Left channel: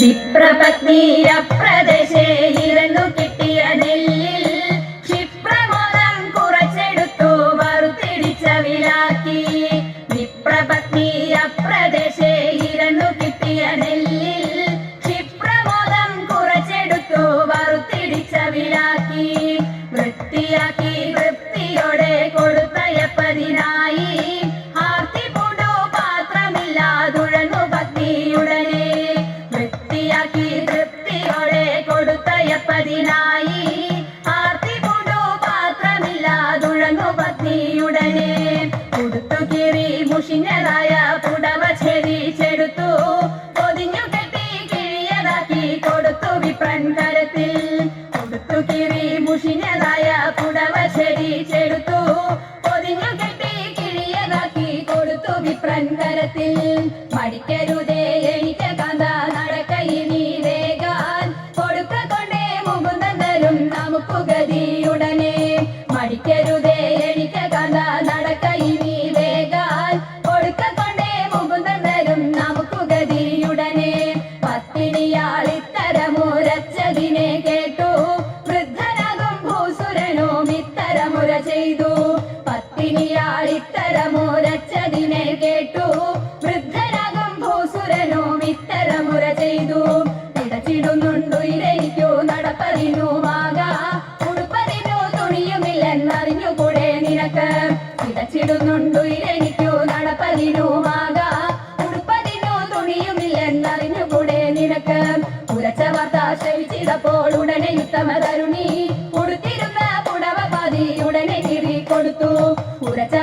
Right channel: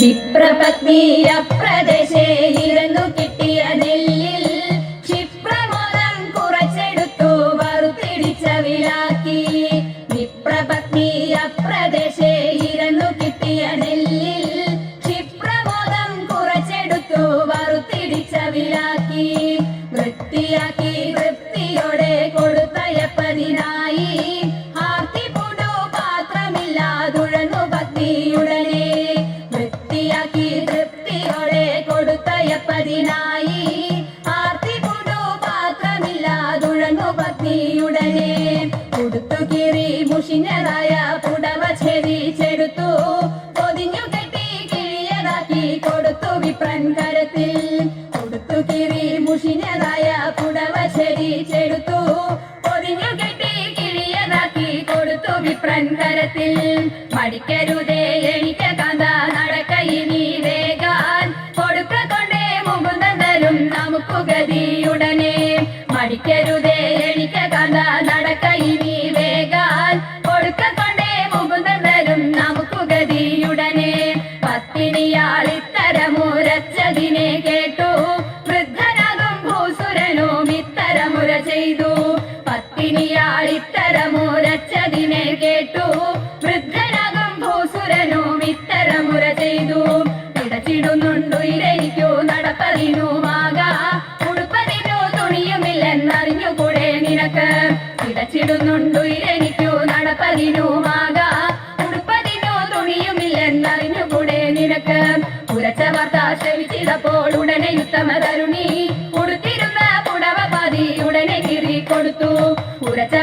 വിപ്രപത്നീയ പ്രദേശേ ഇരന്നു കിട്ടിയ നെല്ലിൽ ക്ഷിപ്രമോദം കുറച്ചെടുത്തു വറുത്തിടിച്ച വിളാക്കി. വിപ്രപത്നീയ പ്രദേശേ ഇരന്നു കിട്ടിയ നെല്ലിൽ ക്ഷിപ്രമോദം കുറച്ചെടുത്തു വറുത്തിടിച്ച വിളാക്കി. വൃത്തിയാക്കി കരത്തിൽ മടിക്കരുതേ എനിക്ക് കാന്ത നടക്കയിനി വേഗാൻ. കൊടുക്ക കൊണ്ടേ മുകുന്ദൻ തരും നമുക്ക് ഗതിയുടനെ. മടിക്കരുതേ തുണിയുമില്ലെന്നറിഞ്ഞുകൂടെ നിനക്ക്. നിനക്ക്. വാർത്ത ഉടനെ ഉത്തമ തരുണി ഉടനെ കൊടുത്തു ഉരച്ച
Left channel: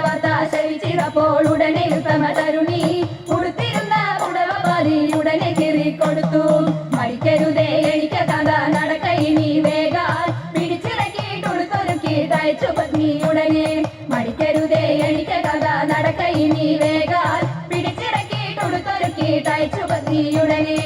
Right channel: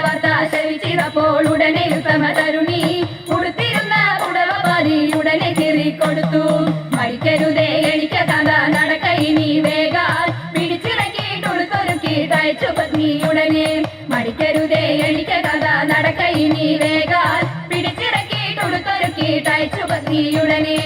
അയച്ചു പത്നി ഉടനെ മടിക്കരുതേ എനിക്ക് കഥ നടക്കയി നീ വേഗാൽ. പിടിച്ചിറക്കി കൊടുത്തൊരുക്കിയിട്ടയച്ചു പത്നി ഉടനെ